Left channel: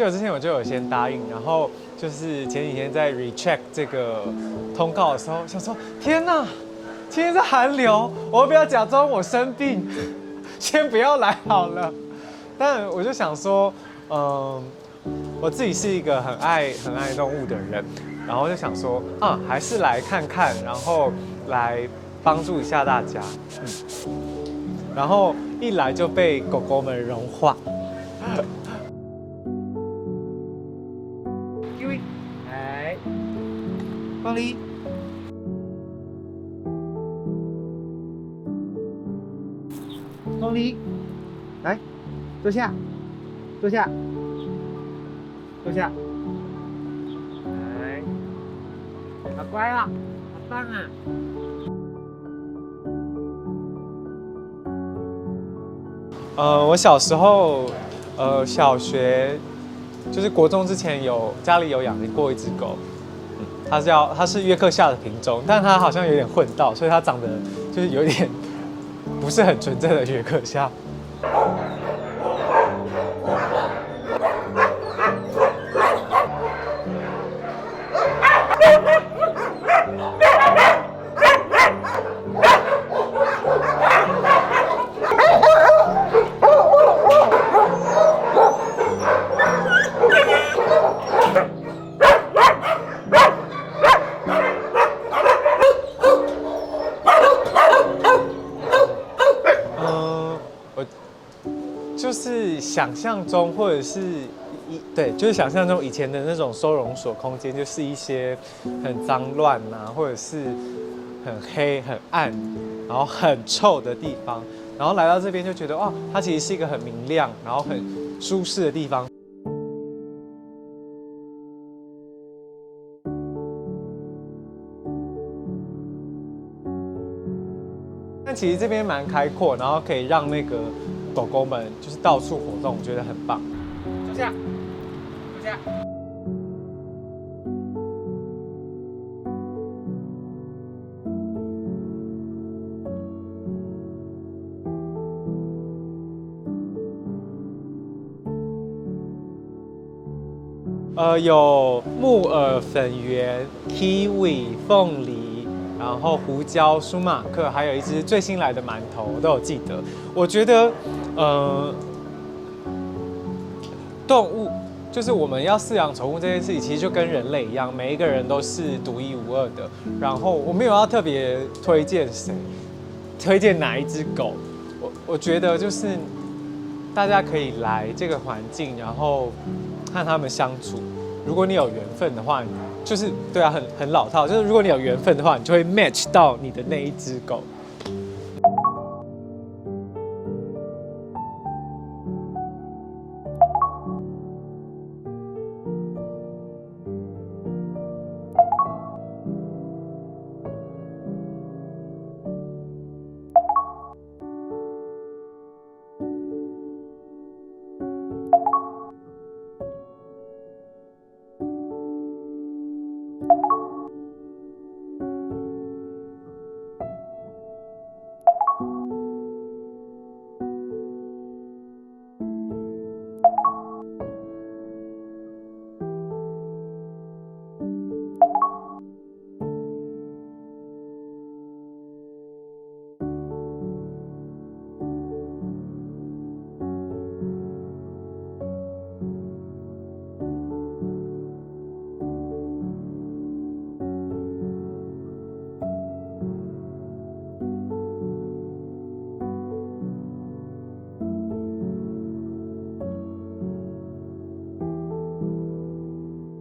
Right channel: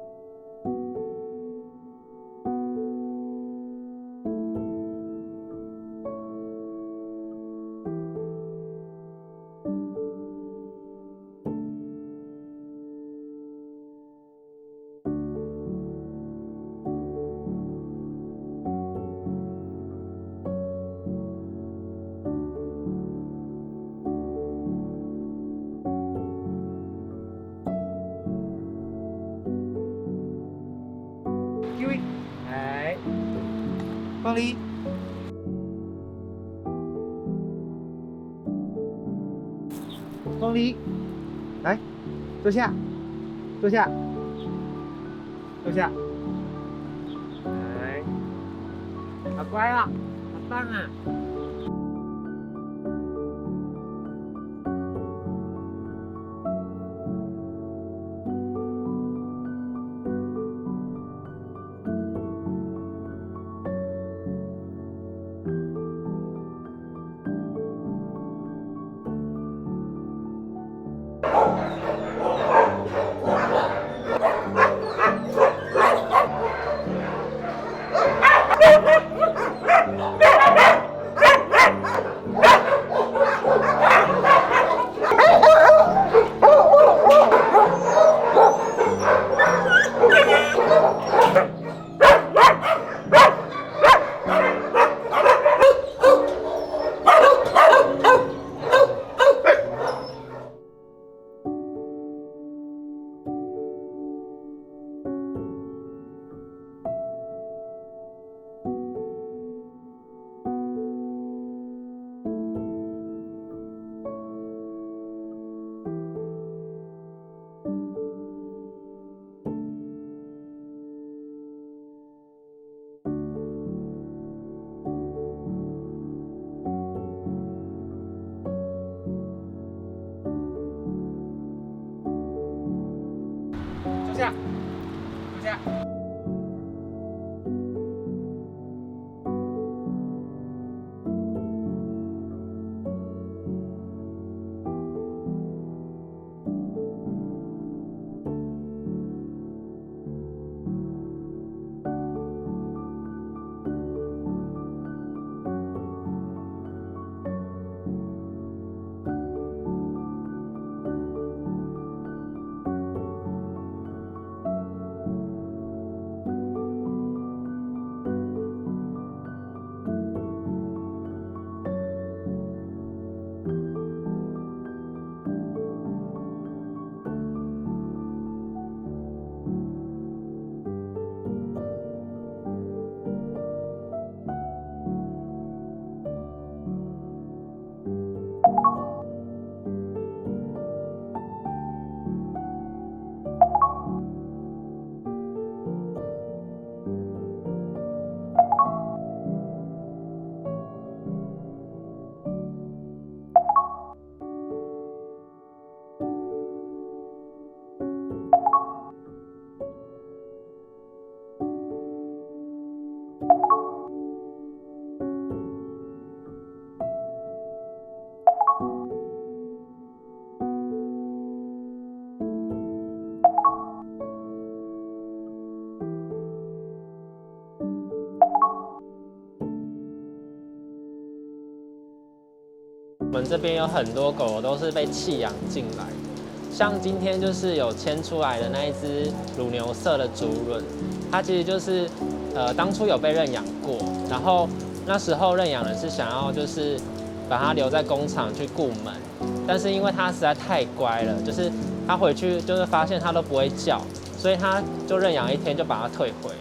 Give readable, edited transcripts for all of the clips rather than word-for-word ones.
久之前我就有先答应，然后就是前几天在 recheck 这个通告的时候，想说天哪，今天是寒流，我要不要假装我生病，先不要来好了？但我就想说，我自己是一个很爱动物的人，然后就想说，还是来看看，然后来帮助一下大家。然后一来就被狗狗们融化。Kiwi， 来，光离。光离，来，坐下，坐下，坐下。来，好乖啊，好棒啊！我小时候，小学就是国中之前家里有养过一只狗，它是约克夏的品种，但它好像有点混到，所以它长得就是有点不是很纯正的约克夏。就是想象中，或者是对，就是想象中以前的那种收容所空间，就是一些很脏乱啊，或者是很黑、很暗，然后很臭的地方。然后来到这边就觉得，哇，它其实是一个很明亮，然后很舒适的地方。但其实这边蛮开阔，然后可以让那个狗狗们就是到处活动，我觉得很棒。坐下，坐下。有木耳粉圆、kiwi、凤梨，然后胡椒、舒马克，还有一只最新来的馒头，我都有记得。我觉得，动物就是我们要饲养宠物这件事情，其实就跟人类一样，每一个人都是独一无二的。然后我没有要特别推荐谁，推荐哪一只狗，我觉得就是大家可以来这个环境，然后和他们相处。如果你有缘分的话，就是对啊，很老套，就是如果你有缘分的话，你就会 match 到你的那一只狗。我们这边有很多狗都是被弃养进来的，像今天就是有牵出来的那一只乳牛色的竹轮，它其实就是当初有被认养过，然后那时候认养人是想要就是把它留在工厂去顾门，但是因为它实在太乖了，就是它回去就是发现它都不会叫，所以他就认养一天就把它退回了。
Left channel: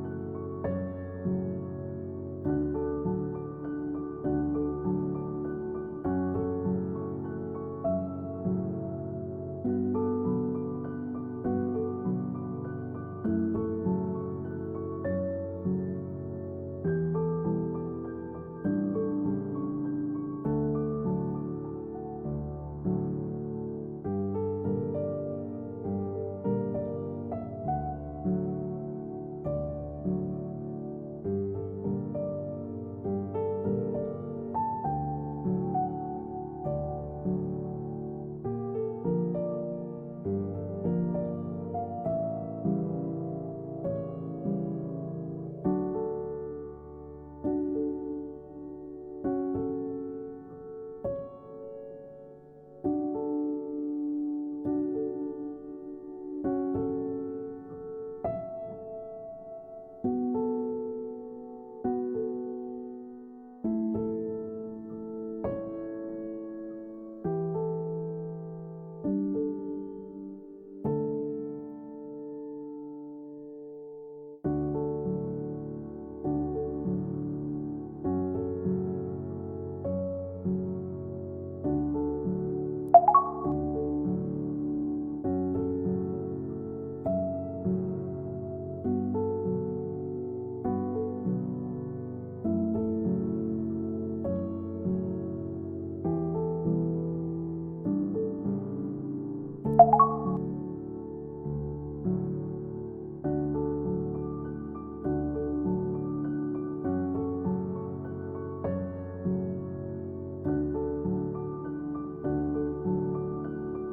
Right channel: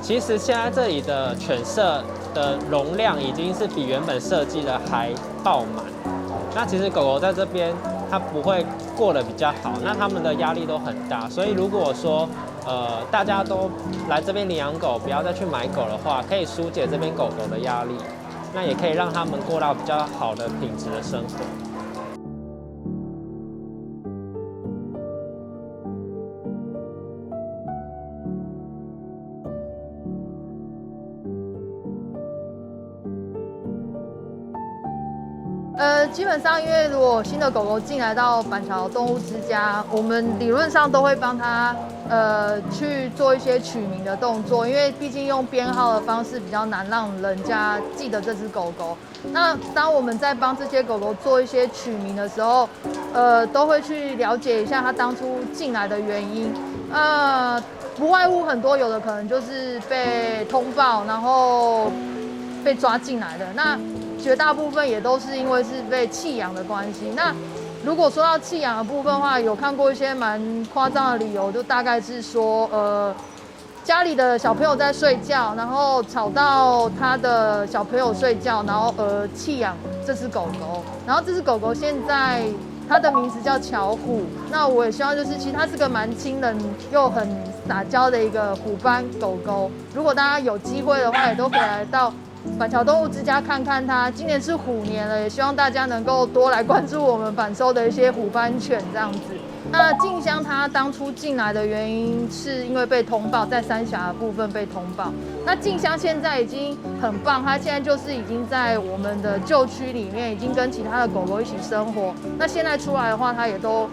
其实现在这里的犬舍的容量已经是比原本设计的还爆满。那其实狗狗在这边它不会过得比较好，那它们的压力都很大。所以如果说大家都来这边领养狗，不要再去买狗的话，可以疏解这边狗狗的压力，那也可以让它们过到比较好的品质的生活。基本上因为如果新的狗狗进来到板桥动物之家，我们理论上都会帮它去做一些取名的动作，因为毕竟用编号的方式比较难让人家记得这只狗狗。那当我们在帮这些狗狗做一些取名的时候，都会去了解一下它当初进来的原因。不外乎很多，有的可能就是被通报，然后被抓进来的。那绝大部分也都是因为是被弃养的关系。那如果说到弃养的部分的话，有看过一些蛮夸张的理由，就大概是说，家里的小朋友在睡觉，然后吵到他的小朋友睡觉，然后弃养这只狗狗。然后这只狗狗现在它的名字叫巧虎。那我也希望就是，其实它是个蛮亲人又很撒娇的一个虎斑狗狗。如果大家有机会的话，也都可以来到板桥动物之家看看它。今年是虎年了，也希望大家能够多来关注我们反收的一些虎斑犬这样子。那静香它当初进来的原因是因为被通报，在三峡的部分被通报。那静香现在已经很棒，它现在就是已经在我们的旧区里面，已经跟其他的狗狗一起生活。那现在出来的话，它也都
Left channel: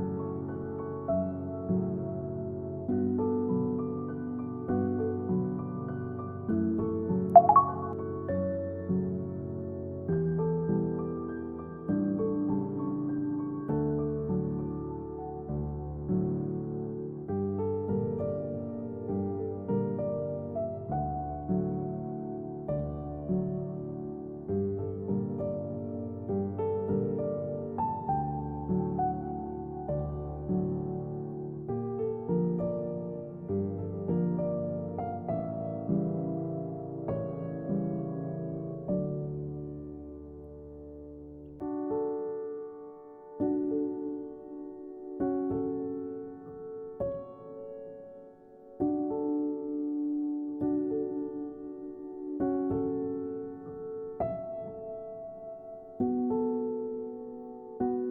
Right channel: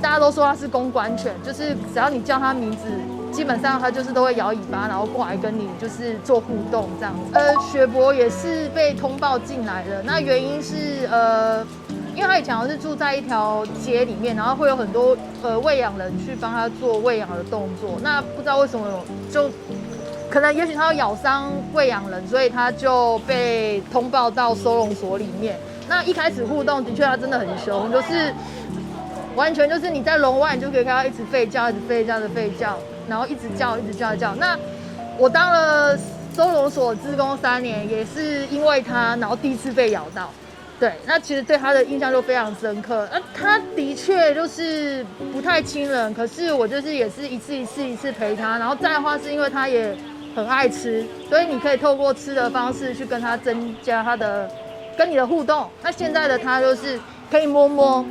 大家都说它是公关犬，就是只要你叫它名字，基本上它就是都会摇尾巴，然后过来跟你就是做互动这样子。雪博也是被通报进来的，那原因是因为他以前好像是住在一条街里面，然后会有很多喂养人去帮他做喂养的动作。那不知道为什么就可能也许他有咬伤喂养人，所以他就被通报到收容所里面。那一开始互动的确他真的很凶，就是完全就是你在笼外你就可以看到一直吠叫，一直吠叫的吠叫，然后一直叫，一直叫。那我当了收容所志工3年，也是因为他，然后第一次被咬到。对，那其实对他的印象就非常深刻。他的确就是不太亲人，可是我就是也是一次陪他。然后再的话，是因为他也很爱吃，所以你可以透过吃的方式去跟他增加他的跟你的互动。那现在的他就是可以摸摸，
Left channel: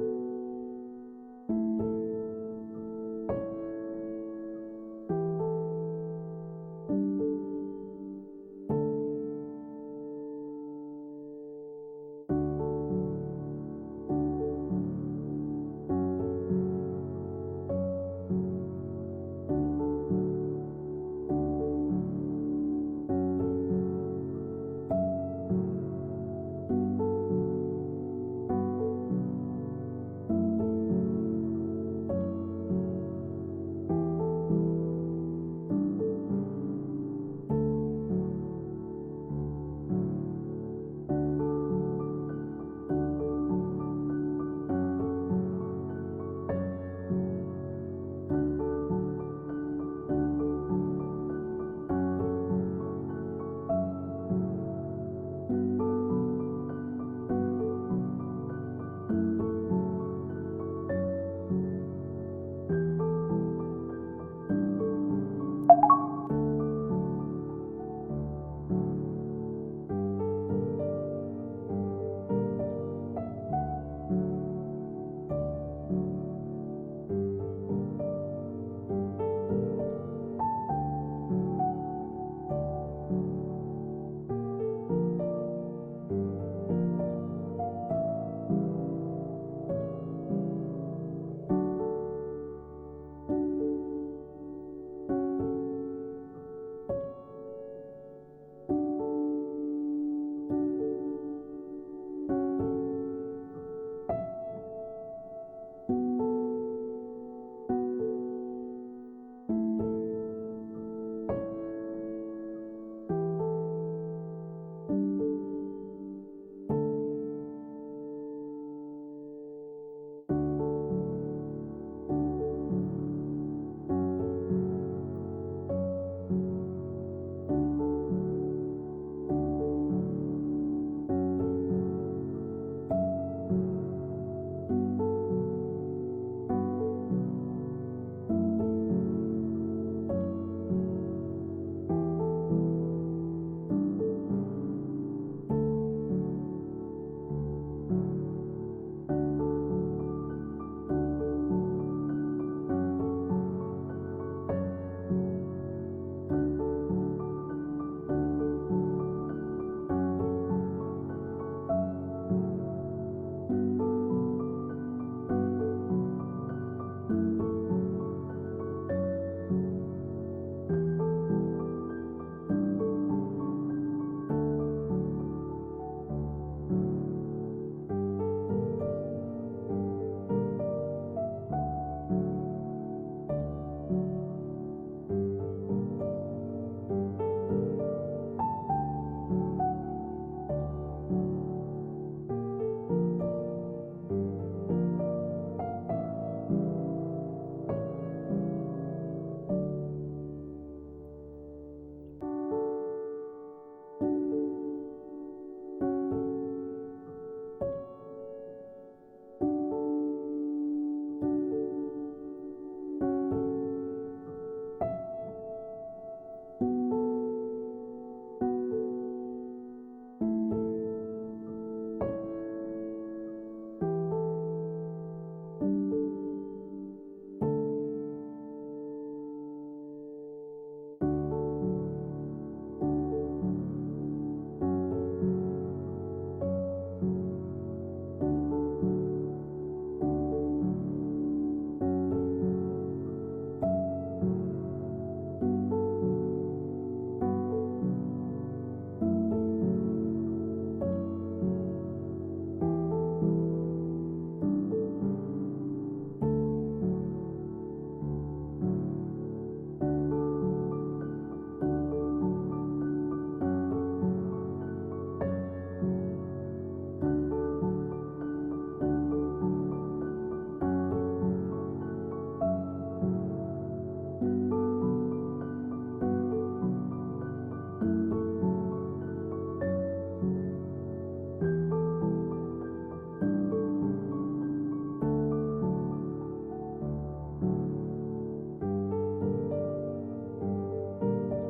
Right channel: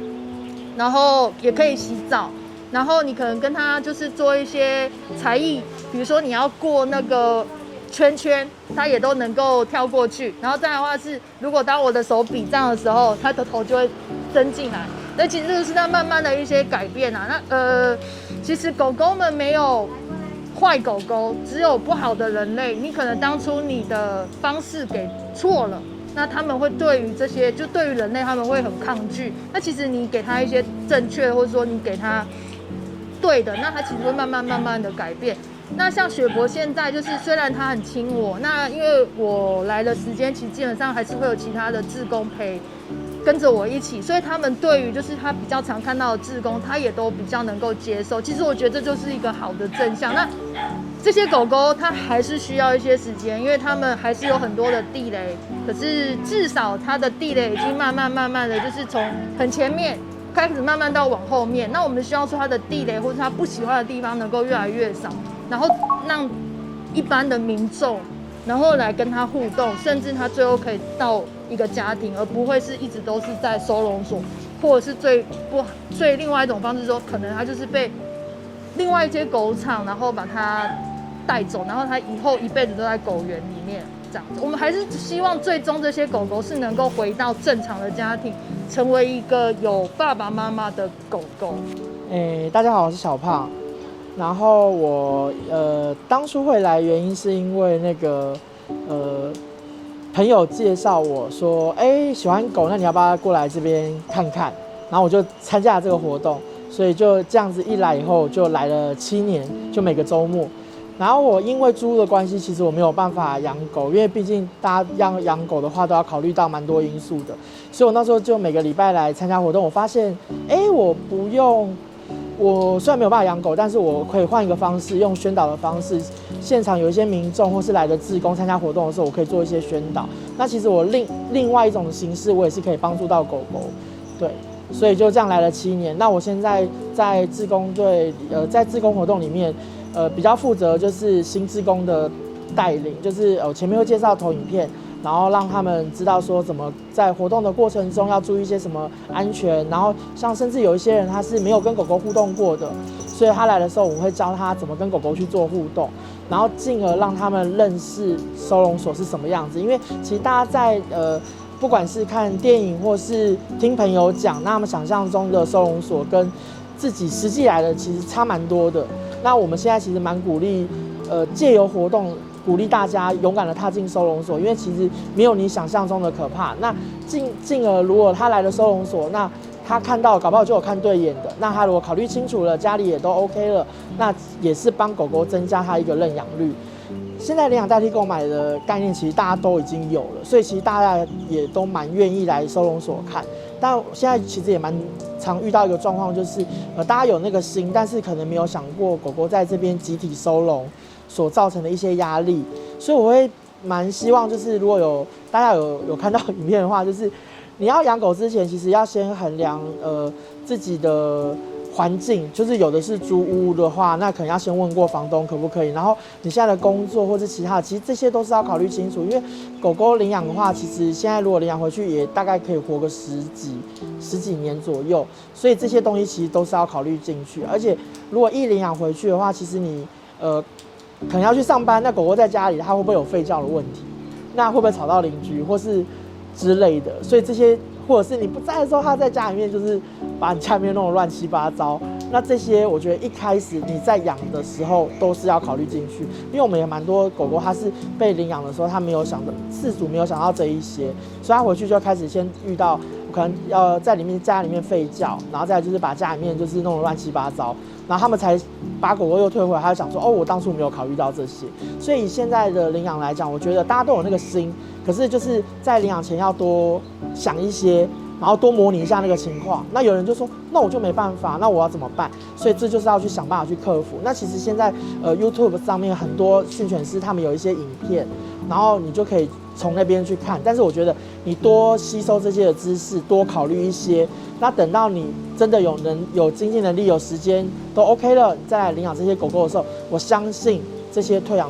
然后也可以洗澡，然后你可能跟他就是做一些才艺，比如说你要过那个圈圈，它也都能够跳过去。然后再来的话是，如果当我的手比这样的时候，它的头就会伸进来。那其实就是它慢慢的一些改变啊。那其实狗狗们没有坏狗狗，只有不好的人类。你可能当初你的方式给错了，那他们会对于这些，就对于人类他们会很抗拒。那其实你给他一些正确，或者说你给他对的，那他其实会慢慢的改变。那像雪博现在就是，虽然他很亲我，那因为我来的时间，其实基本上还是会有其他的志工跟着我一起，所以他们对于就是他比较常看到的志工，他也都比较能够接受。其实我觉得这就是一个好的正向。那这些狗狗它还是需要一些时间，因为它们还是有很多的地雷，可是至少它的地雷已经慢慢的，就是从很前面开始慢慢到往后面。那我们希望说它的地雷或者它不喜欢的地方能够越来越少，然后让一般的民众然后来跟它互动，甚至它最后可以到一个家庭，而不会是一直都是在收容所，或者是最另外一种方式说，可能它就是被另外一些狗场然后把它带走，然后它以后一辈子都在狗园里面。这样子，我们还是希望最终这些狗狗是能够回到正常的家庭，成为一个有爸爸妈妈的狗狗。大家好，我是小胖。然后我当初会来原因是因为那个朋友介绍我说，喜欢狗，那你要不要过来这边看看？然后我就参加了这个活动，所以就这样子一来以后就来了7年，就每个周末。然后我因为租的关系，其实我没有办法养狗，因为毕竟大家养狗的话都要考虑到蛮多因素的，所以我那时候就每个礼拜来参加活动。我发现，我虽然没有办法养狗，但是我可以换一个方式，用宣导的方式，现场有一些民众或是来的志工参加活动的时候，我可以做一些宣导。那其实我另外一种形式，我也是可以帮助到狗狗，对。所以就这样来了7年。那我现在在志工队，在志工活动里面，比较负责就是新志工的带领，就是前面会介绍投影片，然后让他们知道说怎么在活动的过程中要注意一些什么安全，然后像甚至有一些人他是没有跟狗狗互动过的，所以他来的时候我会教他怎么跟狗狗去做互动，然后进而让他们认识收容所是什么样子。因为其实大家不管是看电影或是听朋友讲，那他们想象中的收容所跟自己实际来的其实差蛮多的。那我们现在其实蛮鼓励，借由活动鼓励大家勇敢的踏进收容所，因为其实没有你想象中的可怕。那进而如果他来了收容所，那他看到搞不好就有看对眼的，那他如果考虑清楚了，家里也都 OK 了，那也是帮狗狗增加他一个认养率。现在领养代替购买的概念，其实大家都已经有了，所以其实大家也都蛮愿意来收容所看。但现在其实也蛮常遇到一个状况，就是大家有那个心，但是可能没有想过狗狗在这边集体收容所造成的一些压力。所以我会蛮希望，就是如果大家有看到影片的话，就是你要养狗之前，其实要先衡量自己的环境，就是有的是租屋的话，那可能要先问过房东可不可以。然后你现在的工作或是其他的，其实这些都是要考虑清楚。因为狗狗领养的话，其实现在如果领养回去，也大概可以活个十几年左右，所以这些东西其实都是要考虑进去。而且如果一领养回去的话，其实你可能要去上班，那狗狗在家里，它会不会有吠叫的问题？那会不会吵到邻居或是之类的？所以这些，或者是你不在的时候，它在家里面就是把你家里面弄得乱七八糟。那这些我觉得一开始你在养的时候都是要考虑进去，因为我们也蛮多狗狗，它是被领养的时候，它没有想的，饲主没有想到这一些，所以它回去就开始先遇到可能要在家里面吠叫，然后再来就是把家里面就是弄得乱七八糟。然后他们才把狗狗又退回来，他就想说，我当初没有考虑到这些。所以以现在的领养来讲，我觉得大家都有那个心，可是就是在领养前要多想一些，然后多模拟一下那个情况。那有人就说，那我就没办法，那我要怎么办？所以这就是要去想办法去克服。那其实现在YouTube 上面很多训犬师他们有一些影片，然后你就可以从那边去看。但是我觉得你多吸收这些的知识，多考虑一些，那等到你真的有经济能力、有时间都 OK 了，再来领养这些狗狗的时候，我相信这些退养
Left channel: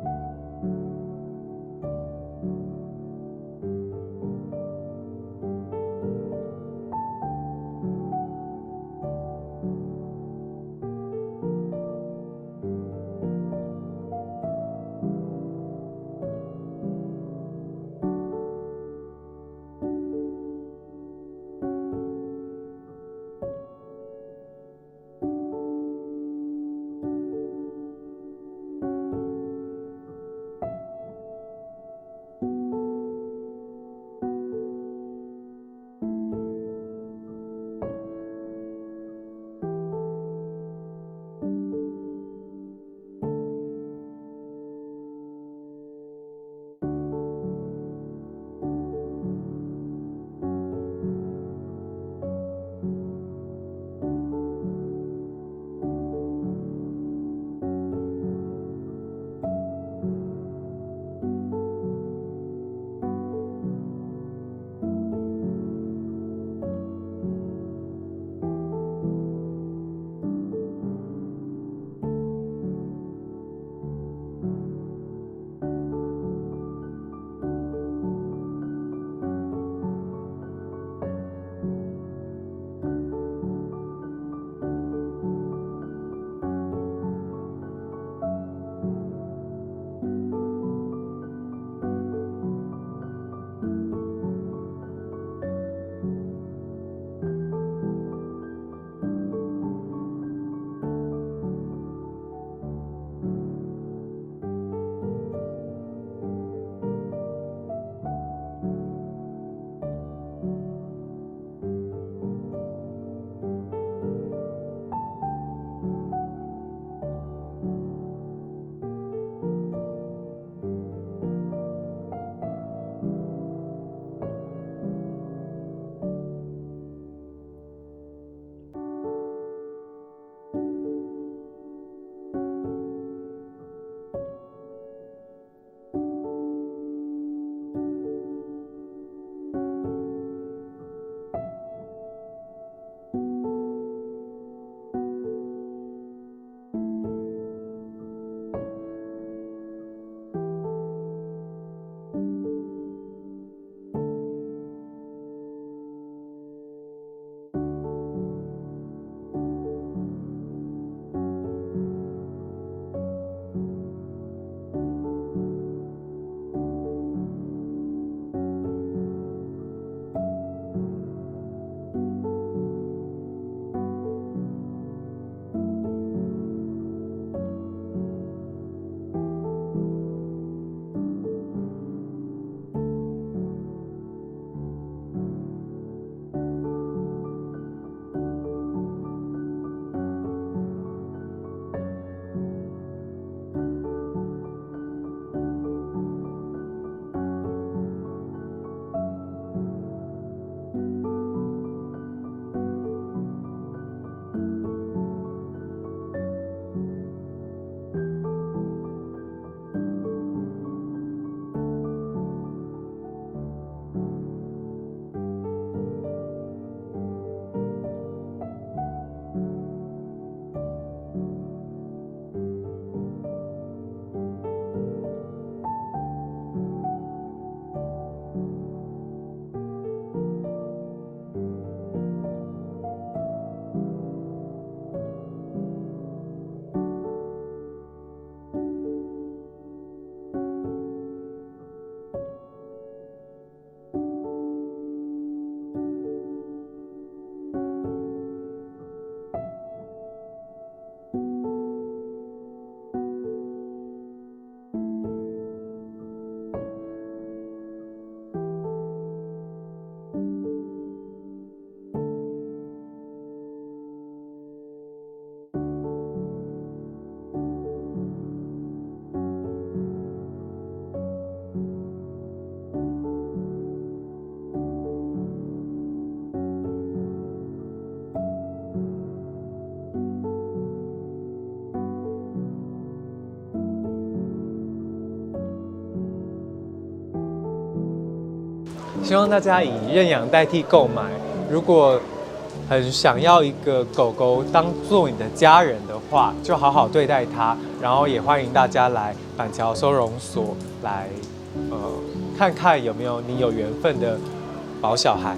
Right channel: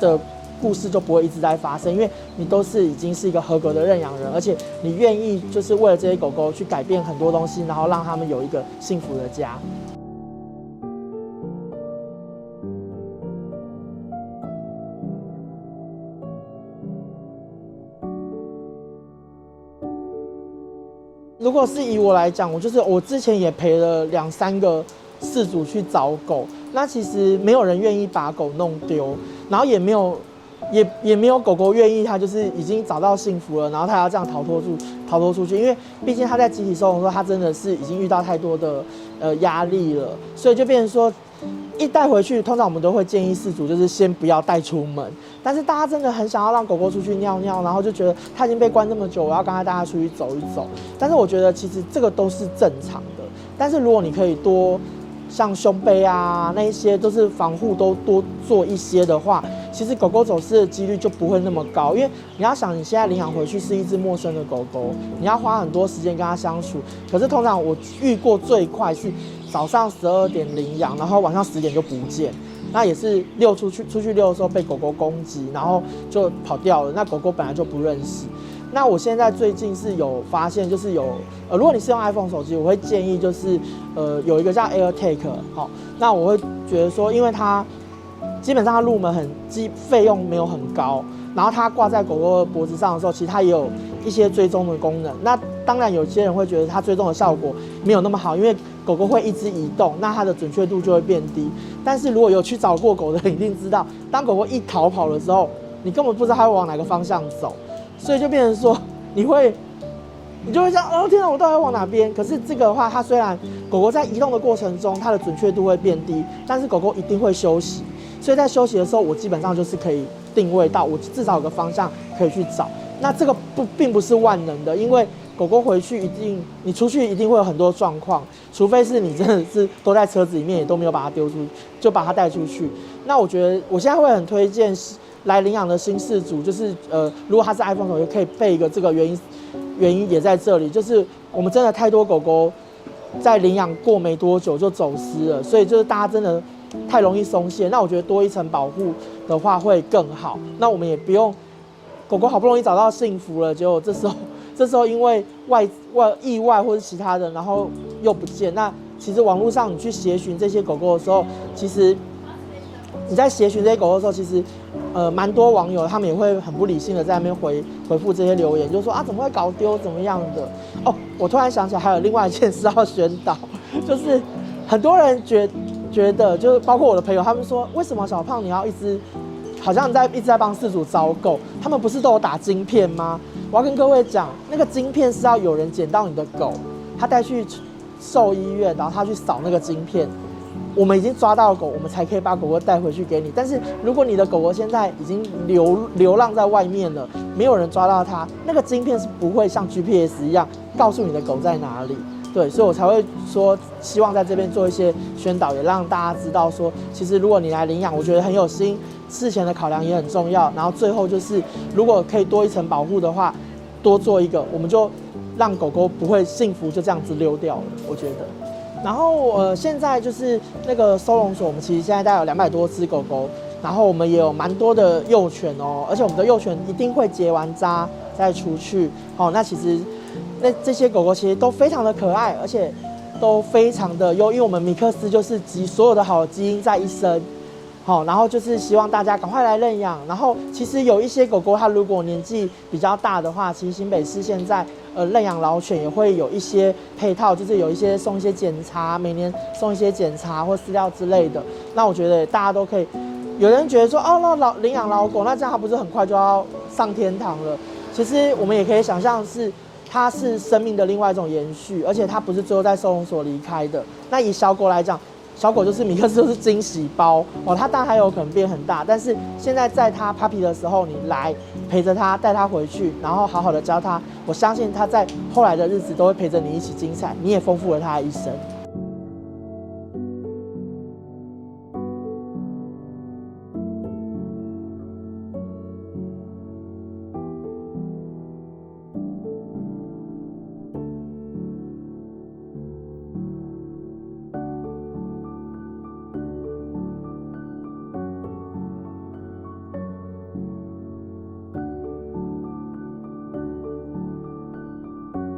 的故事就不会一直在发生，因为你都是已经是一个合格的认养人，而且你愿意就是为了这些狗狗去改变很多东西，然后让他们有一个幸福的家。如果是以我来讲，我之前也陪了2-3个饲主去找狗，那其实没有人愿意把狗弄丢，然后也没有狗狗愿意，它就是已经找到幸福了，然后它要这样逃脱出去，因为毕竟它在集体收容的时候，它真的是已经遇到太多的压力了，所以就变成说，一带回去，通常我们都会建议饲主就是先不要带出门。但是大家真的很想要让狗狗出去尿尿，然后就觉得它已经被关这么久，我要跟它带它出去走一走。但是我觉得其实这个都是正常的。但是如果你可以多像胸背啊那一些都是防护都多做一些的话，其实狗狗走失的几率就不会那么高。因为你要想，你现在领养回去是一只陌生的狗狗，你要花很多时间跟它相处。可是通常我遇过最快是早上12点领养，然后晚上10点就不见。那也是出去遛的时候被狗狗攻击，然后就跑掉了。那狗狗本来就不认识。那我现在最近是有发现，就是如果你是用 iPhone 手机，我会建议就是有一个叫 AirTag， 好，那我会觉得说，因为它基本上它入门费用没有很高，然后它挂在狗狗的脖子上的时候，其实它也有一些追踪的功能。那当然有些人会觉得它追踪的效果没有那么好，因为狗狗会一直移动，那它的准确度就会变低。但是如果有去找过狗的人一定知道，当狗狗一逃跑的时候，你根本不知道它会往哪个方向走，所以就变成说你就会想，天哪，我到底要往哪边？可是这个的话，它虽然狗狗在移动的过程中，它的准确度会变低，但是狗狗一定会休息。所以在休息的时候，我基本上就是可以定位到，我至少有个方向可以去找。那这个并不是万能的，因为狗狗回去你出去一定会有很多状况，除非是你真的是都在车子里面，也都没有把它丢出，就把它带出去。那我觉得我现在会很推荐来领养的新饲主，就是如果他是 iPhone 手机，可以备一个这个原因也在这里，就是我们真的太多狗狗在领养过没多久就走失了，所以就是大家真的太容易松懈。那我觉得多一层保护的话会更好。那我们也不用狗狗好不容易找到幸福了，结果这时候因为意外或是其他的，然后又不见。那其实网络上你去协寻这些狗狗的时候，其实你在协寻这些狗狗的时候，其实蛮多网友他们也会很不理性的在那边回复这些留言，就说啊怎么会搞丢怎么样的。哦，我突然想起来还有另外一件事要宣导，就是很多人觉得就是包括我的朋友，他们说为什么小胖你要好像一直在帮饲主招狗，他们不是都有打晶片吗？我要跟各位讲，那个晶片是要有人捡到你的狗，他带去兽医院，然后他去扫那个晶片。我们已经抓到了狗，我们才可以把狗狗带回去给你。但是如果你的狗狗现在已经流浪在外面了，没有人抓到它，那个晶片是不会像 GPS 一样告诉你的狗在哪里。对，所以我才会说，希望在这边做一些宣导，也让大家知道说，其实如果你来领养，我觉得很有心，事前的考量也很重要。然后最后就是，如果可以多一层保护的话，多做一个，我们就让狗狗不会幸福就这样子溜掉了。我觉得。然后现在就是那个收容所，我们其实现在大概有200多只狗狗，然后我们也有蛮多的幼犬哦，而且我们的幼犬一定会结完扎再出去。哦，那其实这些狗狗其实都非常的可爱，而且都非常的优，因为我们米克斯就是集所有的好基因在一身。好，然后就是希望大家赶快来认养。然后其实有一些狗狗，它如果年纪比较大的话，其实新北市现在认养老犬也会有一些配套，就是有一些送一些检查，每年送一些检查或饲料之类的。那我觉得大家都可以。有人觉得说，哦，那领养老狗，那这样它不是很快就要上天堂了？其实我们也可以想象是。它是生命的另外一种延续，而且它不是最后在收容所离开的。那以小狗来讲，小狗就是米克斯，就是惊喜包哦。它当然还有可能变很大，但是现在在它 puppy 的时候，你来陪着它，带它回去，然后好好的教它。我相信它在后来的日子都会陪着你一起精彩，你也丰富了它的一生。希望大家以认养代替购买。如果很想要一个狗狗当做你的家人的话，就好好对待它。然后也欢迎大家来板桥收容所来，看看有没有你有缘分的毛小孩。